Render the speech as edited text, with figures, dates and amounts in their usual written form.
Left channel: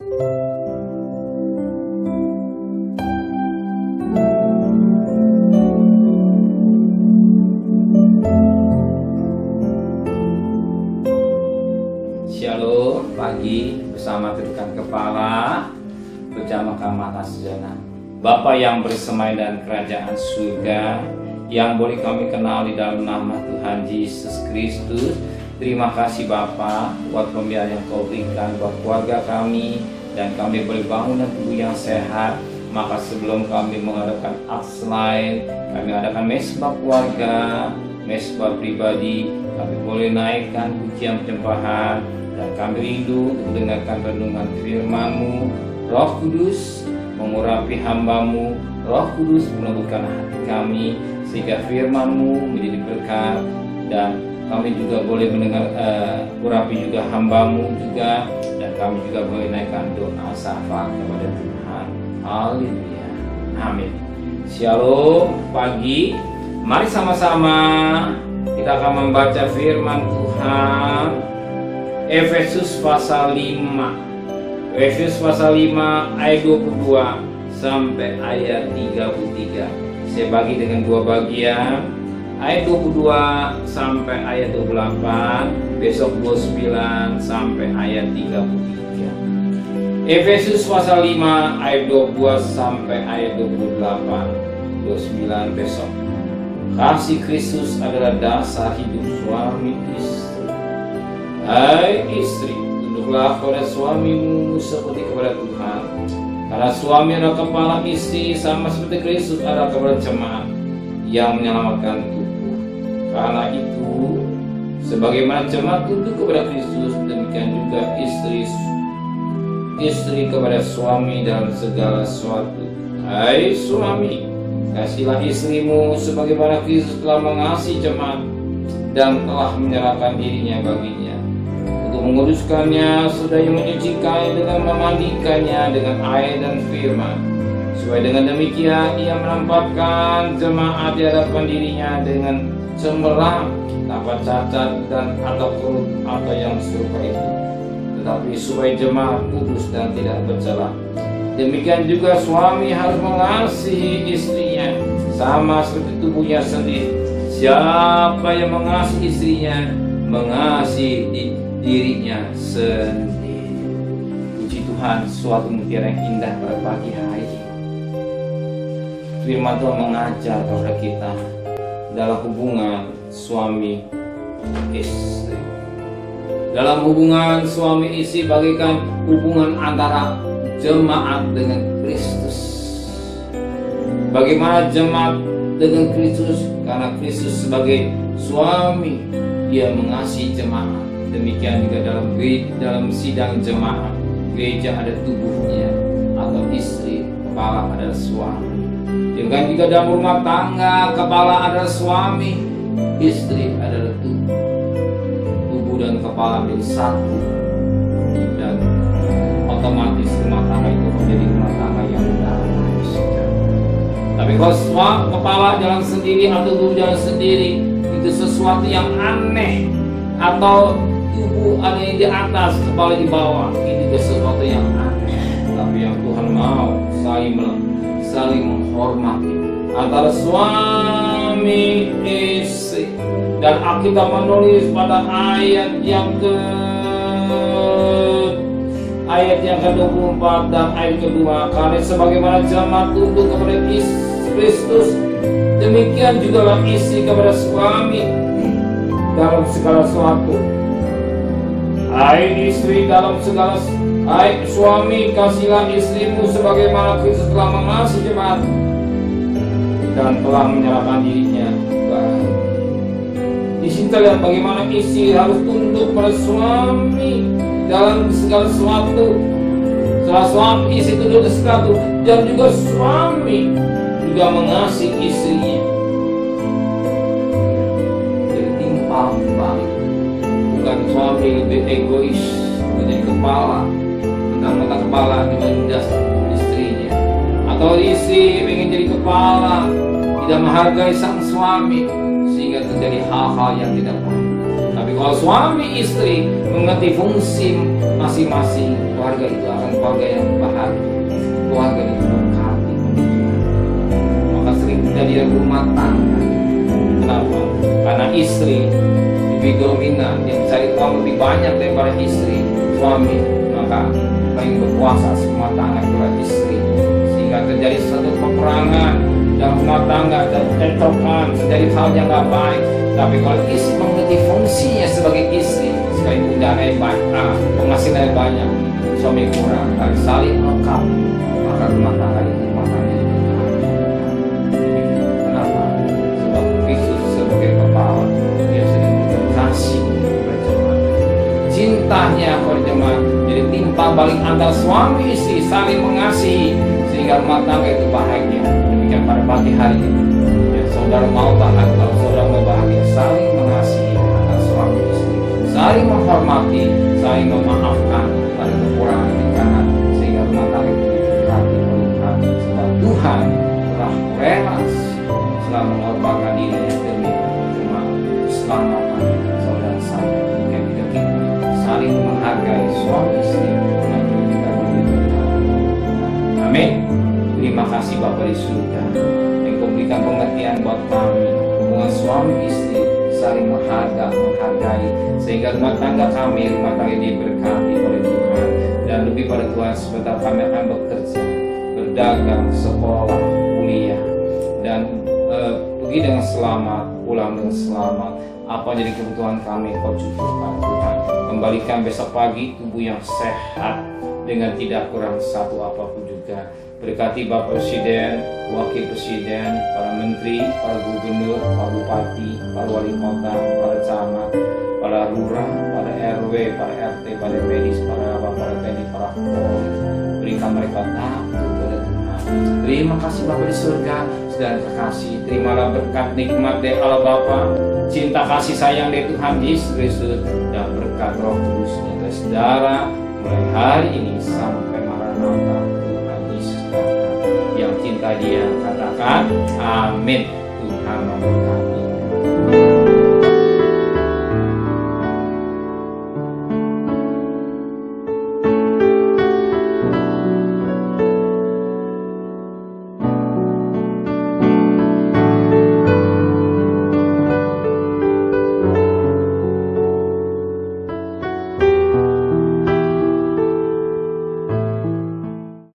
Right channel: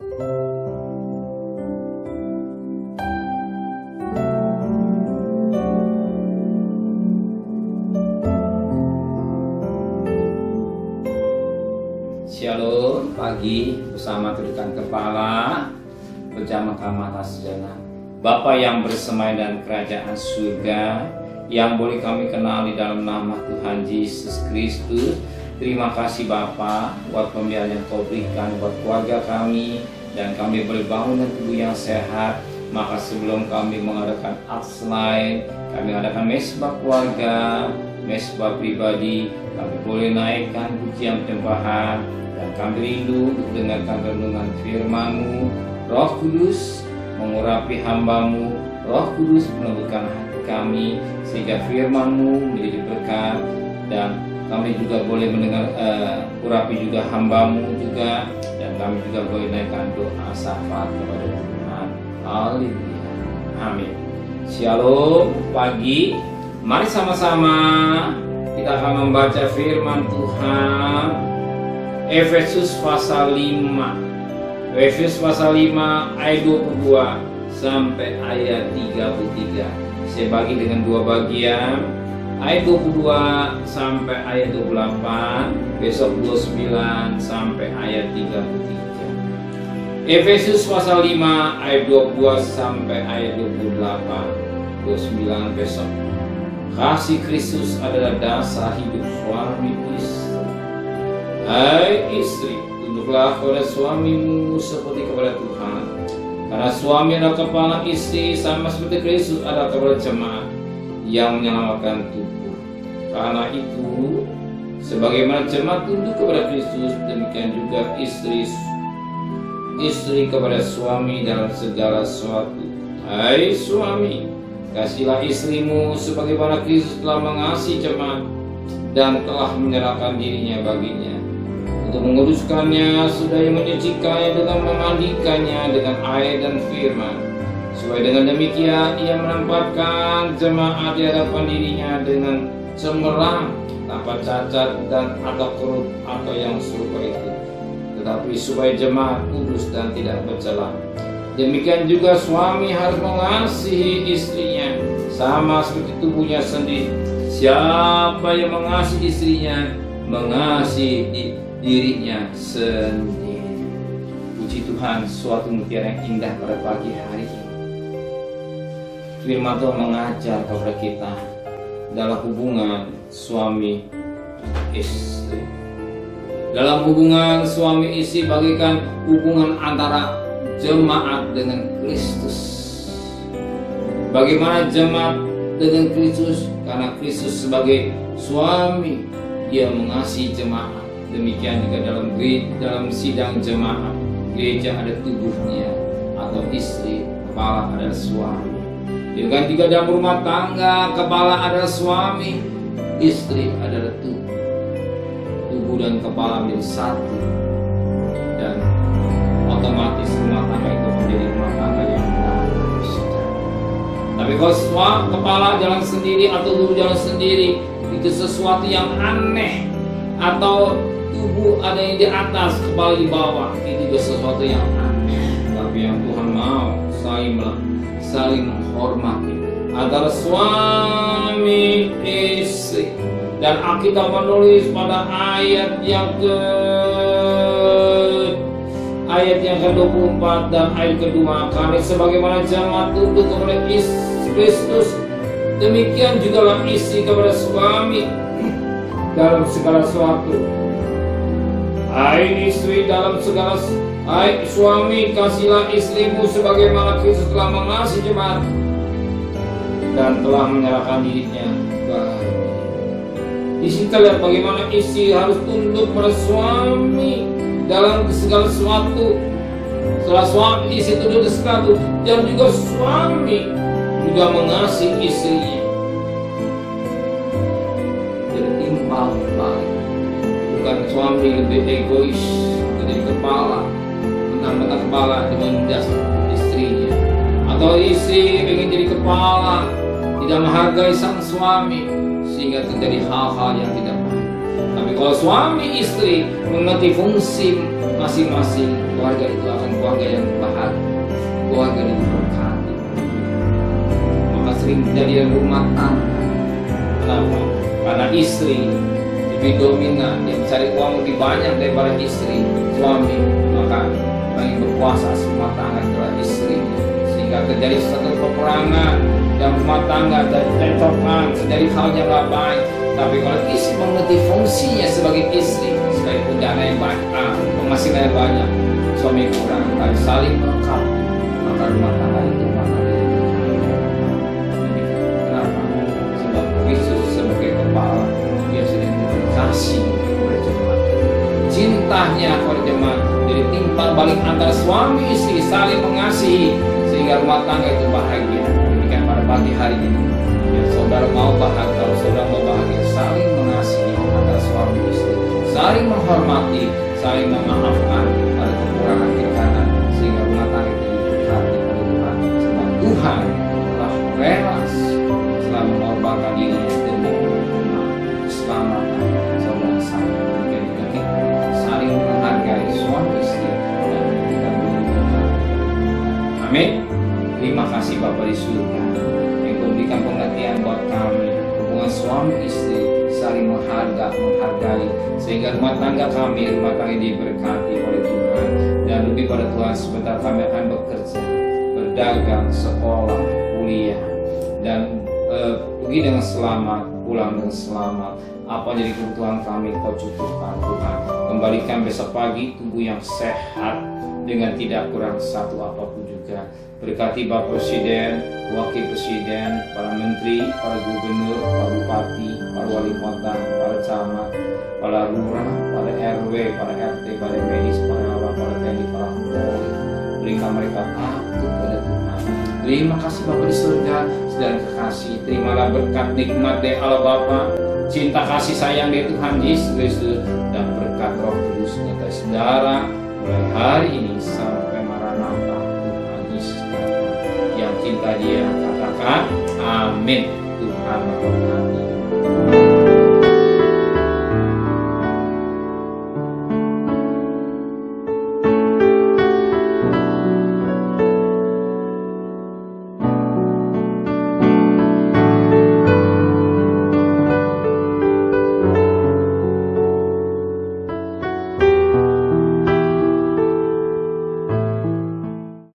Shalom pagi bersama tundukkan kepala berjamaah sejenak. Bapa yang bersemai dan kerajaan surga yang boleh kami kenal di dalam nama Tuhan Yesus Kristus. Terima kasih Bapa buat pembiayaan yang Kau berikan buat keluarga kami dan kami boleh bangun dan tubuh yang sehat. Maka sebelum kami mengadakan aks lain, kami adakan mesbah keluarga, mesbah pribadi, kami boleh naikkan pujian penyembahan. Dan kami rindu untuk mendengarkan renungan firman-Mu. Roh Kudus mengurapi hamba-Mu, Roh Kudus melembutkan hati kami sehingga firman-Mu menjadi berkat. Dan kami juga boleh mendengar urapi juga hamba-Mu juga. Dan kami juga boleh naikkan doa syafaat kepada Tuhan. Haleluya, amin. Shalom pagi. Mari sama-sama kita akan membaca firman Tuhan. Efesus pasal 5. Efesus pasal 5 ayat 22 sampai ayat 33. Saya bagi dengan dua bagian. Ayat 22 sampai ayat 28, besok 29 sampai ayat 33. Efesus pasal 5 ayat 22 sampai ayat 28, 29 besok. Kasih Kristus adalah dasar hidup suami istri. Hai istri, tunduklah kepada suamimu seperti kepada Tuhan. Karena suami adalah kepala istri, sama seperti Kristus adalah kepada jemaat yang menyelamatkan tubuh. Karena itu, sebagaimana jemaat tunduk kepada Kristus, demikian juga istri kepada suami dalam segala sesuatu. Hai suami, kasihilah istrimu sebagaimana Kristus telah mengasihi jemaat dan telah menyerahkan dirinya baginya, untuk menguduskannya, sudahnya menyucikannya dengan memandikannya dengan air dan firman, supaya dengan demikian ia menampakkan jemaat di hadapan dirinya dengan cemerlang, tanpa cacat dan atau kerut atau yang serupa itu, tetapi supaya jemaat kudus dan tidak bercela. Demikian juga suami harus mengasihi istrinya sama seperti tubuhnya sendiri. Siapa yang mengasihi istrinya mengasihi dirinya sendiri. Puji Tuhan, suatu mutiara yang indah pada pagi hari ini. Firman Tuhan mengajar kepada kita dalam hubungan suami istri. Dalam hubungan suami istri bagaikan hubungan antara jemaat dengan Kristus. Bagaimana jemaat dengan Kristus? Karena Kristus sebagai suami, Dia mengasihi jemaat. Demikian juga dalam sidang jemaat, gereja ada tubuhnya atau istri, kepala adalah suami. Demikian juga dalam rumah tangga, kepala adalah suami, istri adalah tubuh. Tubuh dan kepala menjadi satu, dan otomatis rumah tangga itu menjadi rumah tangga yang damai sejahtera. Tapi kalau kepala jalan sendiri atau tubuh jalan sendiri, itu sesuatu yang aneh. Atau tubuh ada yang di atas, kepala di bawah, itu juga sesuatu yang aneh. Tapi yang Tuhan mau saling menghormati antara suami istri. Dan Alkitab menulis pada ayat yang ke-24 dan ayat kedua, karena sebagaimana jemaat tunduk kepada Kristus, demikian juga istri kepada suami dalam segala sesuatu. Hai istri hai suami, kasihilah istrimu sebagaimana Kristus telah mengasihi jemaat dan telah menyerahkan dirinya bagi. Di sini kita lihat bagaimana istri harus tunduk pada suami dalam segala sesuatu. Setelah suami istri tunduk pada sesuatu, dan juga suami juga mengasihi istrinya. Timpang balik. Bukan suami lebih egois menjadi kepala, mentang-mentang kepala dimenindas istrinya, atau istri ingin jadi kepala, tidak menghargai sang suami sehingga terjadi hal-hal yang tidak baik. Tapi kalau suami istri mengerti fungsi masing-masing, keluarga itu akan keluarga yang bahagia, keluarga yang diberkati oleh Tuhan. Maka sering terjadi rumah tangga. Kenapa? Karena istri lebih dominan, dia mencari uang lebih banyak daripada istri. Suami maka paling berkuasa rumah tangga itulah istrinya, sehingga terjadi satu peperangan dalam rumah tangga, tercokan, terjadi hal yang gak baik. Tapi kalau istri mengerti fungsinya sebagai istri, sekalipun dana yang banyak, penghasilan yang banyak, suami kurang, tapi saling melengkapi, maka rumah tangga itu diberkati. Kenapa? Sebab Kristus sebagai kepala, dia sudah memberikan kasih kepada jemaat. Cintanya kepada jemaat jadi timbal balik antara suami istri saling mengasihi sehingga rumah tangga itu bahagia. Demikian pada pagi hari ini, ya, saudara mau bahagia, kalau saudara mau bahagia, saling mengasihi antara suami istri, saling menghormati, saling memaafkan pada kekurangan kekanan, sehingga rumah tangga itu diberkati oleh Tuhan. Sebab Tuhan telah rela telah mengorbankan dirinya demi jemaat, keselamatan saudara saya. Jika kita saling menghargai suami istri, dan kita boleh diberkati oleh Tuhan. Amin. Terima kasih Bapa di surga, Engkau memberikan pengertian buat kami hubungan suami istri saling menghargai, sehingga rumah tangga kami, rumah tangga diberkati oleh Tuhan. Dan lebih pada Tuhan, sebentar kami akan bekerja, berdagang, sekolah, kuliah, dan pergi dengan selamat, pulang dengan selamat. Apa jadi kebutuhan kami, Kau cukupkan Tuhan. Kembalikan besok pagi tubuh yang sehat dengan tidak kurang satu apapun juga. Berkati Bapak Presiden, Wakil Presiden, para Menteri, para Gubernur, para Bupati, para Wali Kota, para Camat, para Lurah, para RW, para RT, para medis, para TNI, para Polri. Berikan mereka takut kepada Tuhan. Terima kasih Bapa di surga, saudara terkasih. Terimalah berkat nikmat dari Allah Bapa, cinta kasih sayang dari Tuhan Yesus Kristus, dan berkat Roh Kudus nyata saudara mulai hari ini sampai Maranatha Tuhan Yesus datang. Yang cinta Dia katakan amin. Tuhan memberkati.